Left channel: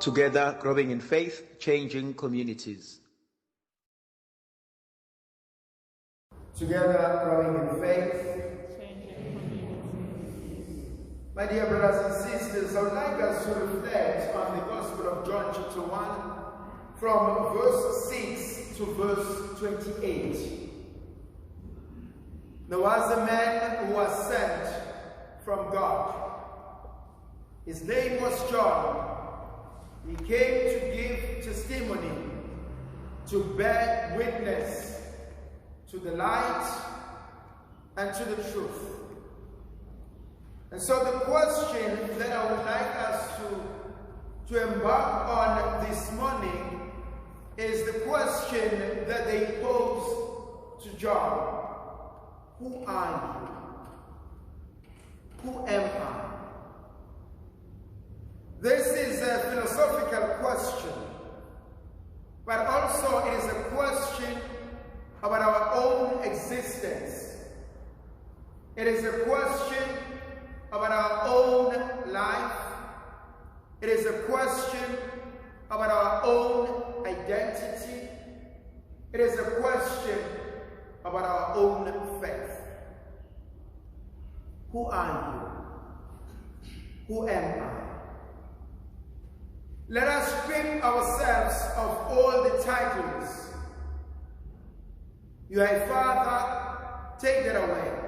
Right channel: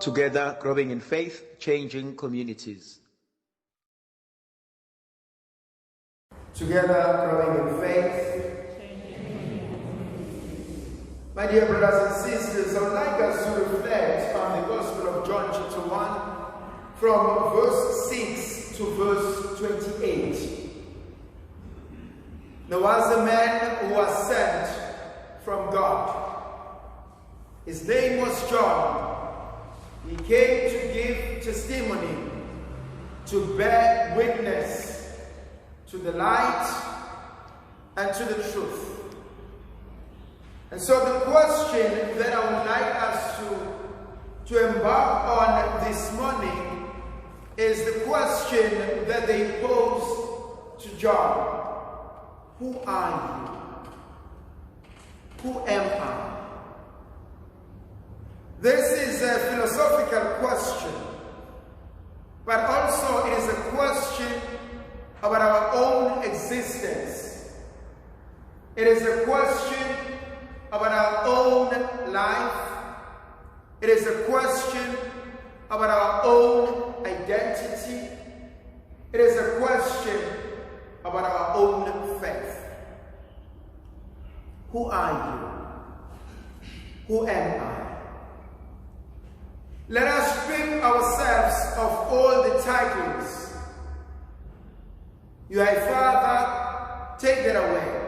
Together, growing in faith, changing communities. Together, growing in faith. My dear brothers and sisters, I would like us to reflect on the Gospel of John chapter 1 from verse 6 to verse 28. There was a man who was sent from God. His name was John. He came to give testimony, to bear witness to the light and to the truth. And so the question that I would like us to embark on this morning is the question that they posed to John. Who are you? Who am I? This is a philosophical question, but also it is a question about our own existence. It is a question about our own life. It is a question about our own identity. It is a question about our own faith. Who are you? Who am I? Let us strip ourselves of all the titles. You are a father, take that away.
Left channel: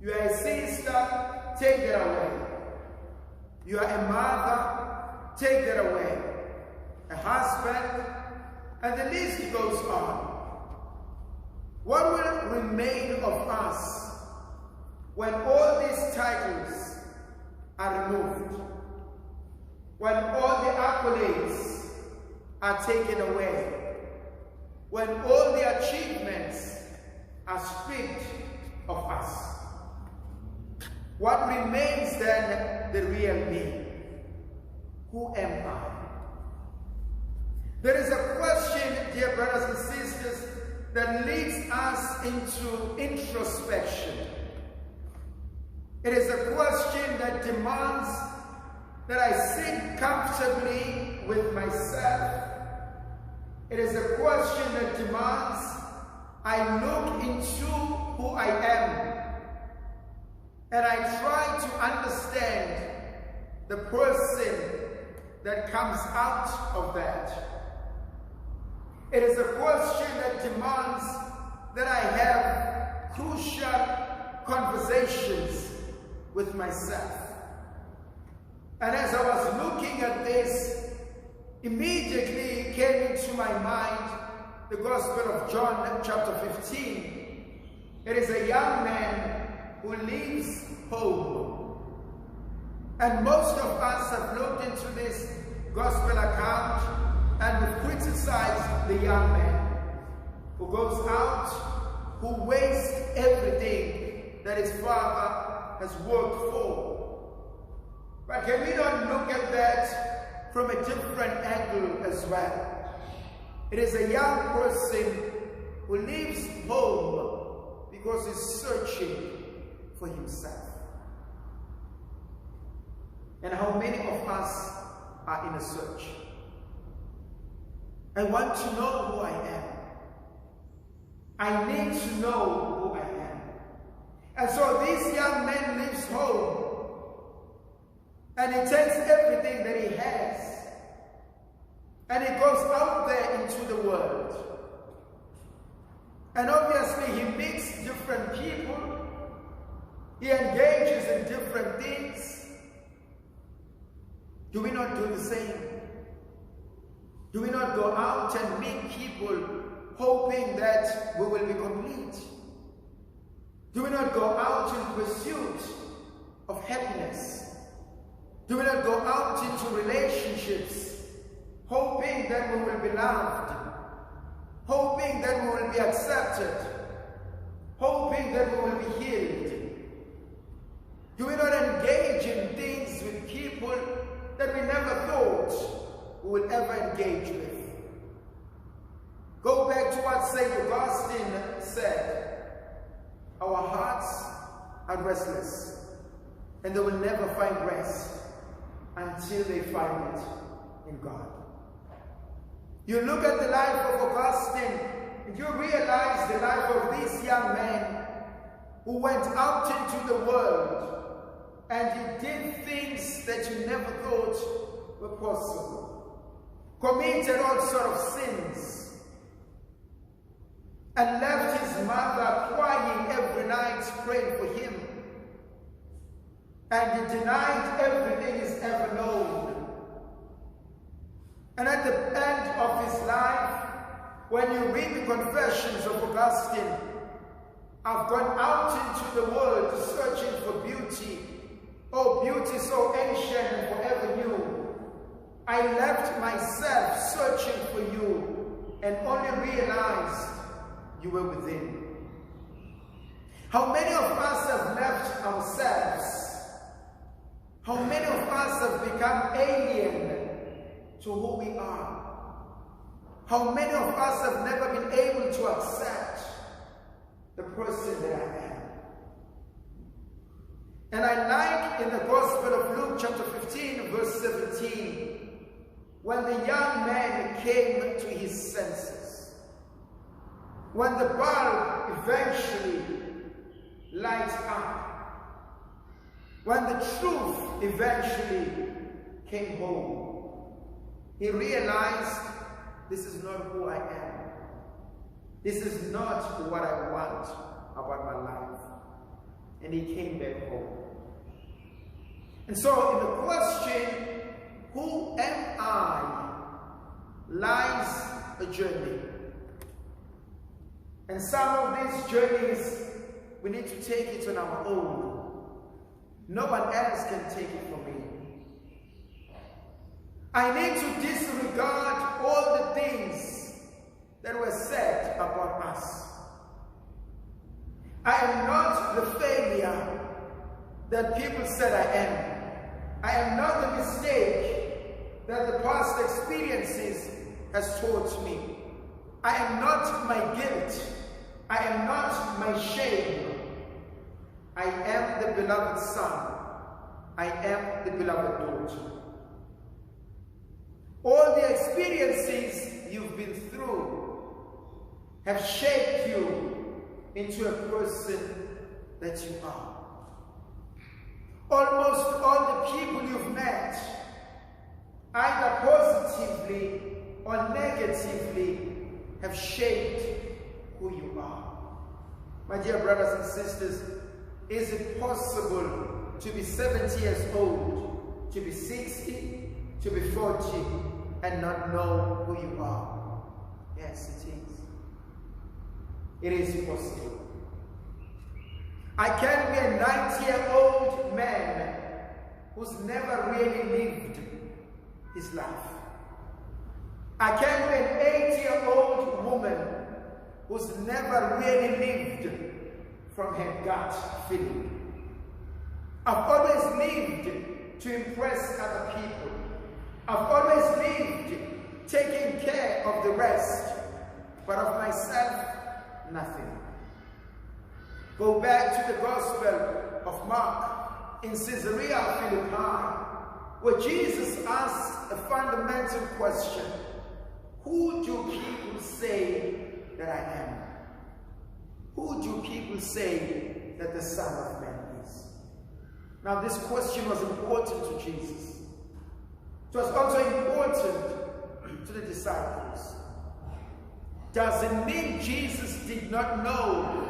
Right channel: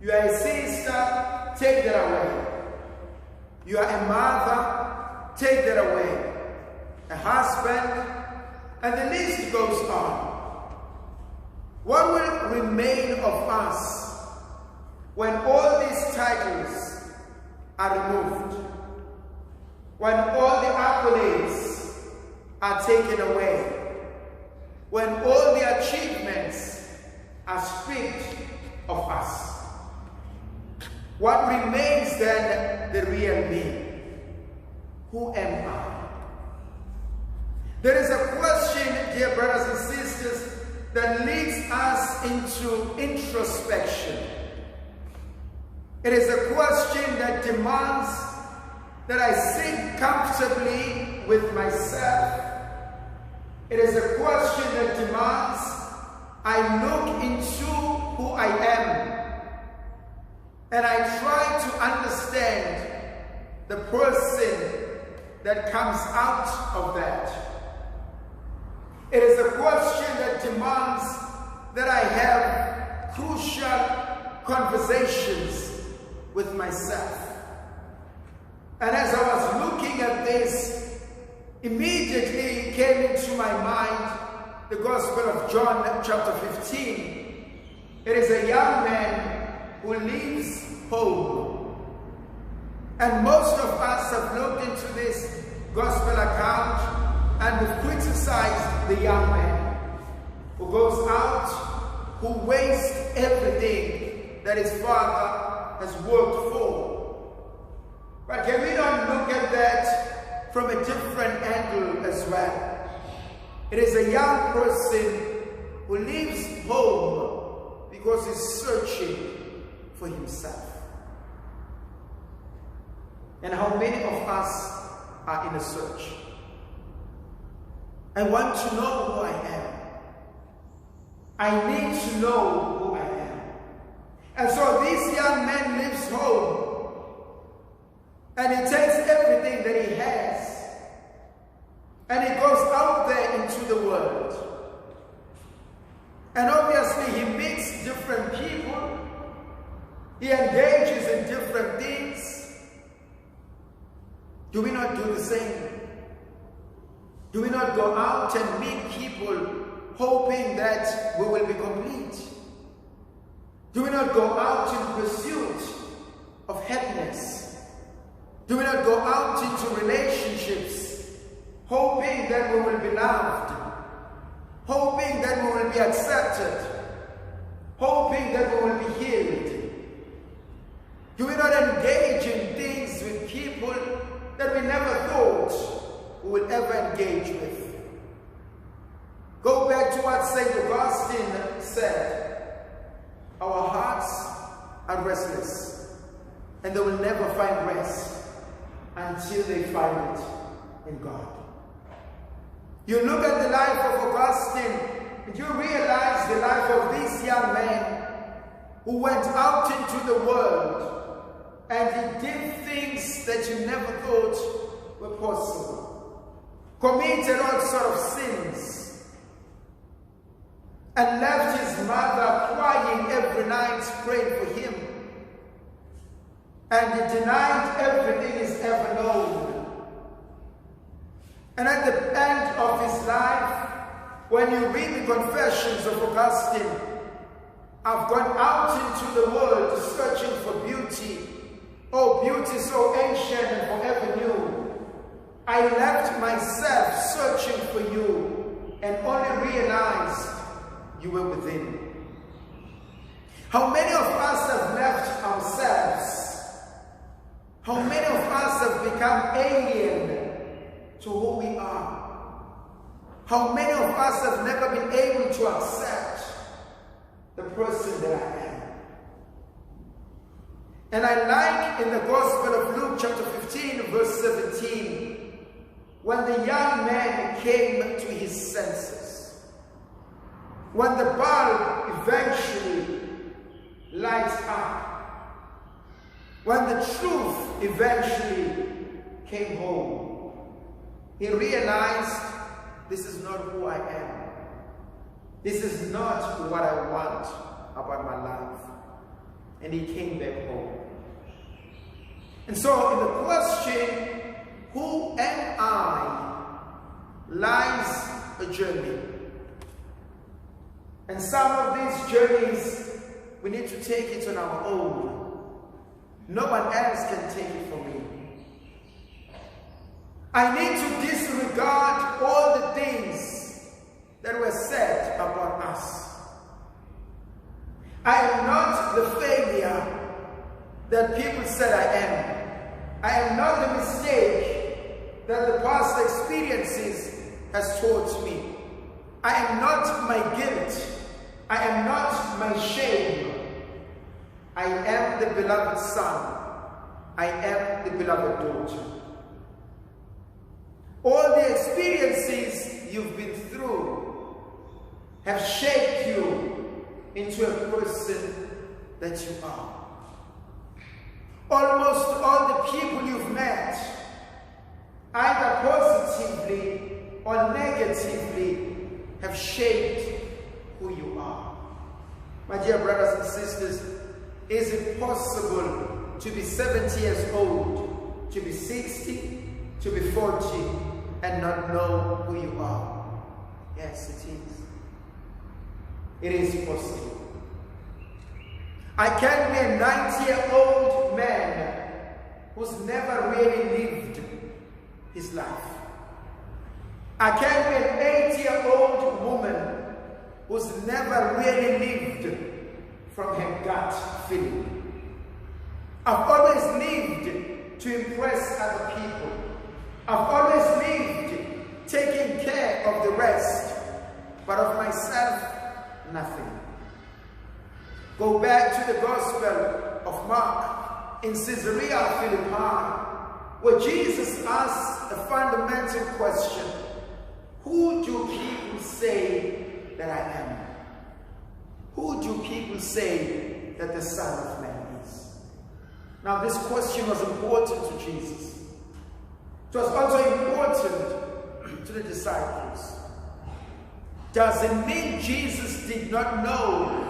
You are a sister, take that away. You are a mother, take that away. A husband, and the list goes on. What will remain of us when all these titles are removed? When all the accolades are taken away? When all the achievements are stripped of us? What remains then the real me? Who am I? There is a question, dear brothers and sisters, that leads us into introspection. It is a question that demands that I sit comfortably with myself. It is a question that demands I look into who I am and I try to understand the person that comes out of that. It is a question that demands that I have crucial conversations with myself. And as I was looking at this, immediately came into my mind the Gospel of John chapter 15. It is a young man who leaves home. And most of us have looked into this Gospel account and have criticized the young man who goes out, who wastes everything that his father has worked for. But can we not look at that from a different angle as well? It is a young person who leaves home because he's searching for himself. And how many of us are in a search? I want to know who I am. I need to know who I am. And so this young man leaves home. And he takes everything that he has and he goes out there into the world. And obviously he meets different people. He engages in different things. Do we not do the same? Do we not go out and meet people hoping that we will be complete? Do we not go out in pursuit of happiness? Do we not go out into relationships hoping that we will be loved, hoping that we will be accepted, hoping that we will be healed? Do we not engage in things with people that we never thought we would ever engage with? Go back to what St. Augustine said. Our hearts are restless, and they will never find rest until they find it. in God. You look at the life of Augustine, and you realize the life of this young man who went out into the world and he did things that you never thought were possible. Committed all sort of sins and left his mother crying every night praying for him. And he denied everything he's ever known. And at the end of his life, when you read the Confessions of Augustine, I've gone out into the world searching for beauty. Oh, beauty so ancient and forever new. I left myself searching for you and only realized you were within. How many of us have left ourselves? How many of us have become alien to who we are? How many of us have never been able to accept the person that I am? And I like in the Gospel of Luke chapter 15 verse 17, when the young man came to his senses, when the bulb eventually lights up, when the truth eventually came home, he realized, this is not who I am. This is not what I want about my life. And he came back home. And so in the question, who am I, lies a journey. And some of these journeys, we need to take it on our own. No one else can take it for me. I need to disregard all the things that were said about us. I am not the failure that people said I am. I am not the mistake that the past experiences has taught me. I am not my guilt. I am not my shame. I am the beloved son. I am the beloved daughter. All the experiences you've been through have shaped you into a person that you are. Almost all the people you've met, either positively or negatively, have shaped who you are. My dear brothers and sisters, is it possible to be 70 years old, to be 60, to be 40, and not know who you are? Yes, it is. It is possible. I can be a 90-year-old man who's never really lived his life. I can be an 80-year-old woman who's never really lived from her gut feeling. I've always lived to impress other people. I've always lived taking care of the rest, but of myself, nothing. Go back to the Gospel of Mark in Caesarea Philippi, where Jesus asked a fundamental question: who do people say that I am? Who do people say that the Son of Man is? Now, this question was important to Jesus. It was also important to the disciples. Does it mean Jesus did not know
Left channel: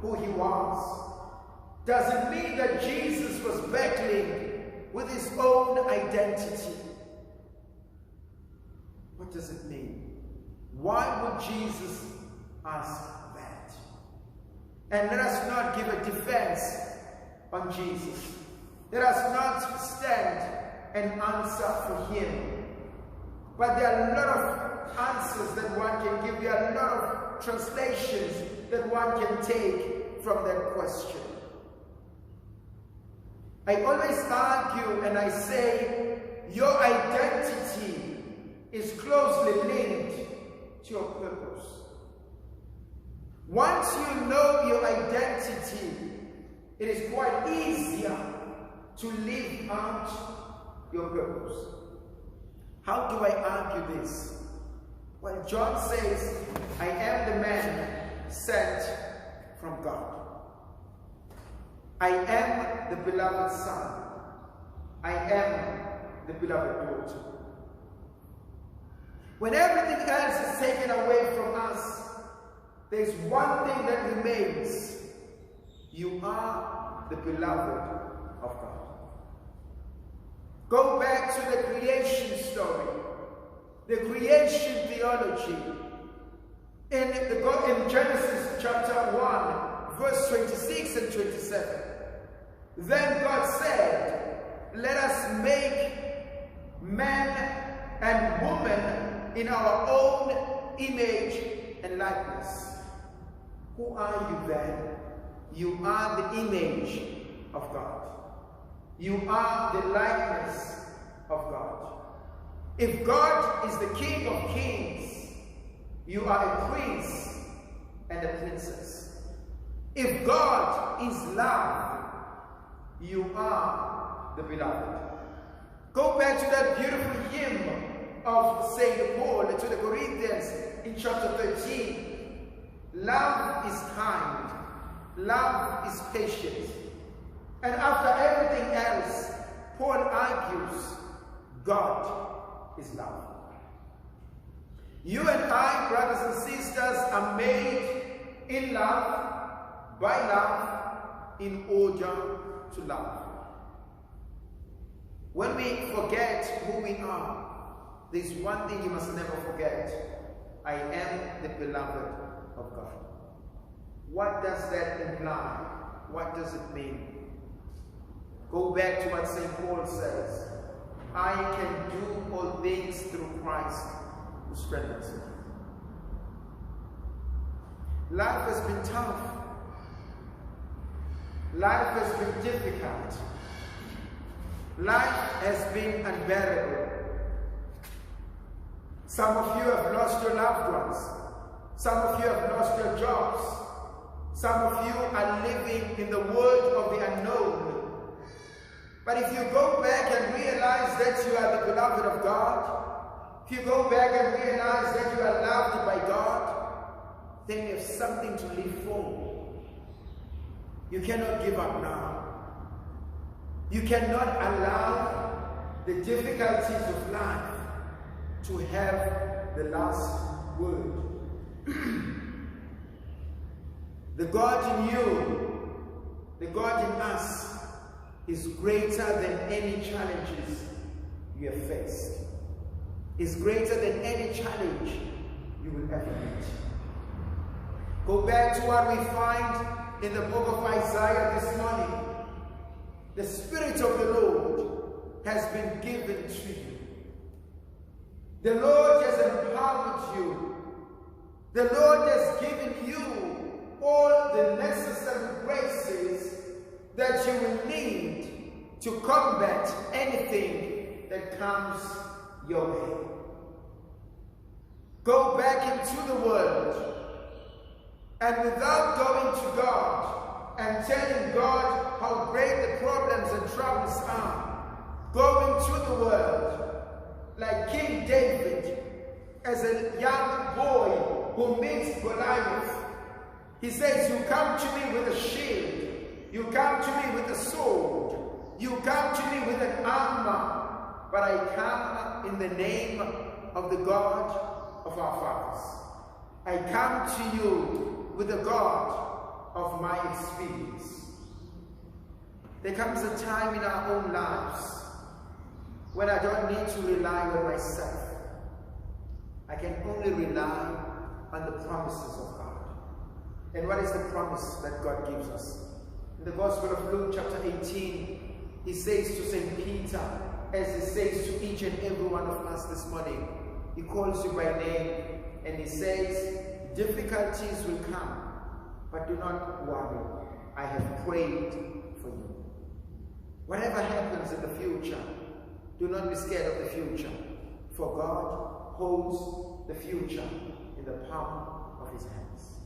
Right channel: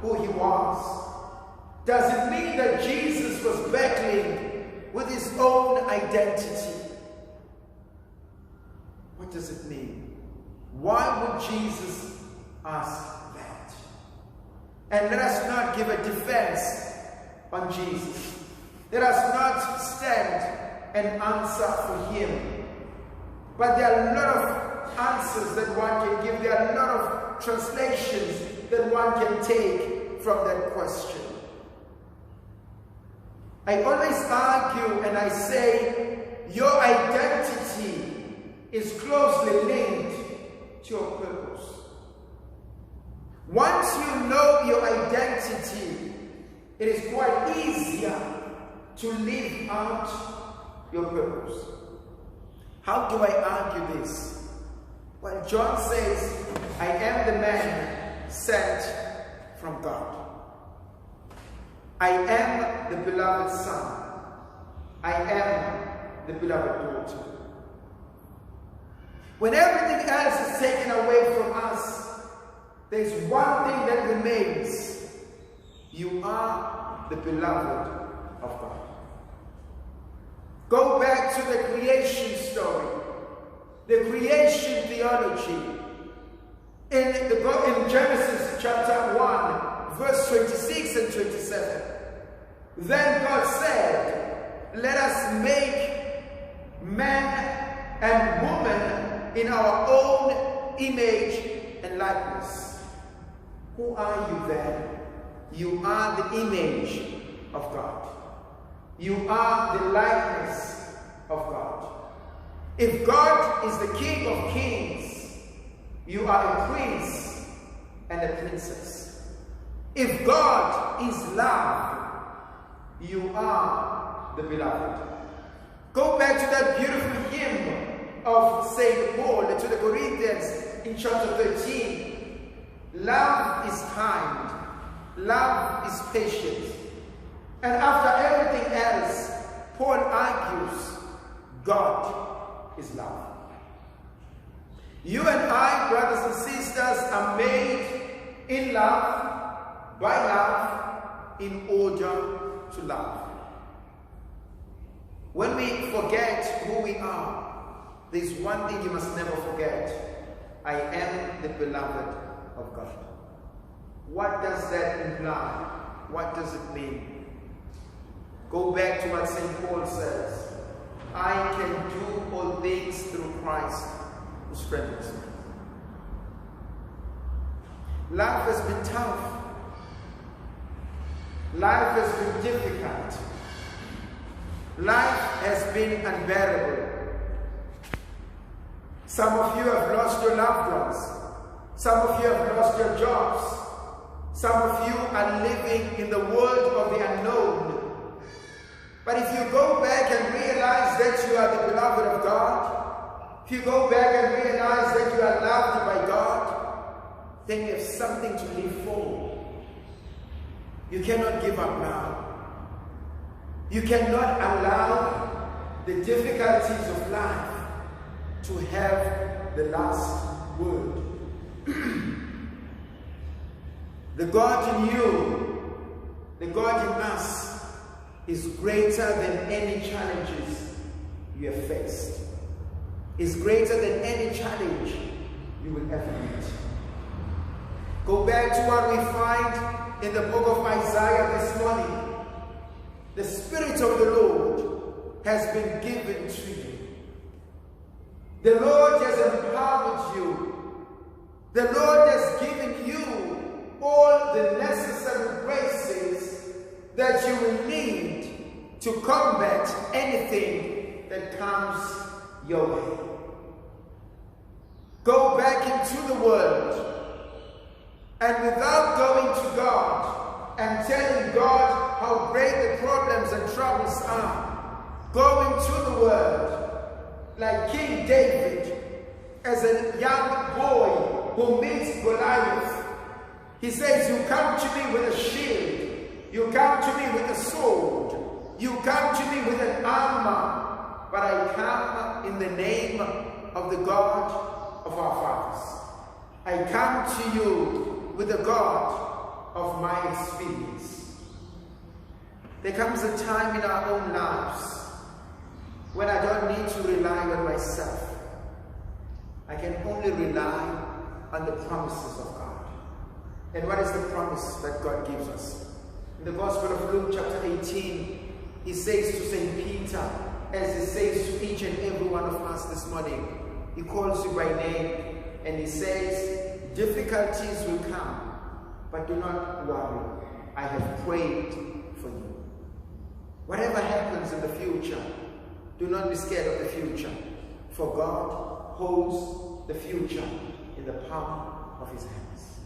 who he was? Does it mean that Jesus was battling with his own identity? What does it mean? Why would Jesus ask that? And let us not give a defense on Jesus. Let us not stand and answer for him. But there are a lot of answers that one can give. There are a lot of translations that one can take from that question. I always argue and I say your identity is closely linked to your purpose. Once you know your identity, it is quite easier to live out your purpose. How do I argue this? Well, John says, I am the man sent from God. I am the beloved son. I am the beloved daughter. When everything else is taken away from us, there's one thing that remains. You are the beloved of God. Go back to the creation story, the creation theology. In Genesis chapter 1, verse 26 and 27. Then God said, let us make man and woman in our own image and likeness. Who are you then? You are the image of God. You are the likeness of God. If God is the King of Kings, you are a prince and a princess. If God is love, you are the beloved. Go back to that beautiful hymn of St. Paul to the Corinthians in chapter 13. Love is kind. Love is patient. And after everything else, Paul argues, God is love. You and I, brothers and sisters, are made in love, by love, in order to love. When we forget who we are, there's one thing you must never forget. I am the beloved of God. What does that imply? What does it mean? Go back to what St. Paul says. I can do all things through Christ who strengthens me. Life has been tough. Life has been difficult. Life has been unbearable. Some of you have lost your loved ones. Some of you have lost your jobs. Some of you are living in the world of the unknown. But if you go back and realize that you are the beloved of God, if you go back and realize that you are loved by God, then you have something to live for. You cannot give up now. You cannot allow the difficulties of life to have the last word. The God in you, the God in us, is greater than any challenges you have faced. Is greater than any challenge you will ever meet. Go back to what we find in the book of Isaiah this morning. The Spirit of the Lord has been given to you. The Lord has empowered you. The Lord has given you all the necessary graces that you will need to combat anything that comes your way. Go back into the world, and without going to God and telling God how great the problems and troubles are, go into the world like King David, as a young boy who meets Goliath. He says, you come to me with a shield. You come to me with a sword. You come to me with an armor. But I come in the name of the God of our fathers. I come to you with the God of my experience. There comes a time in our own lives when I don't need to rely on myself. I can only rely on the promises of God. And what is the promise that God gives us? In the Gospel of Luke chapter 18, he says to St. Peter, as he says to each and every one of us this morning, he calls you by name and he says, difficulties will come, but do not worry. I have prayed for you. Whatever happens in the future, do not be scared of the future, for God holds the future in the palm of his hands.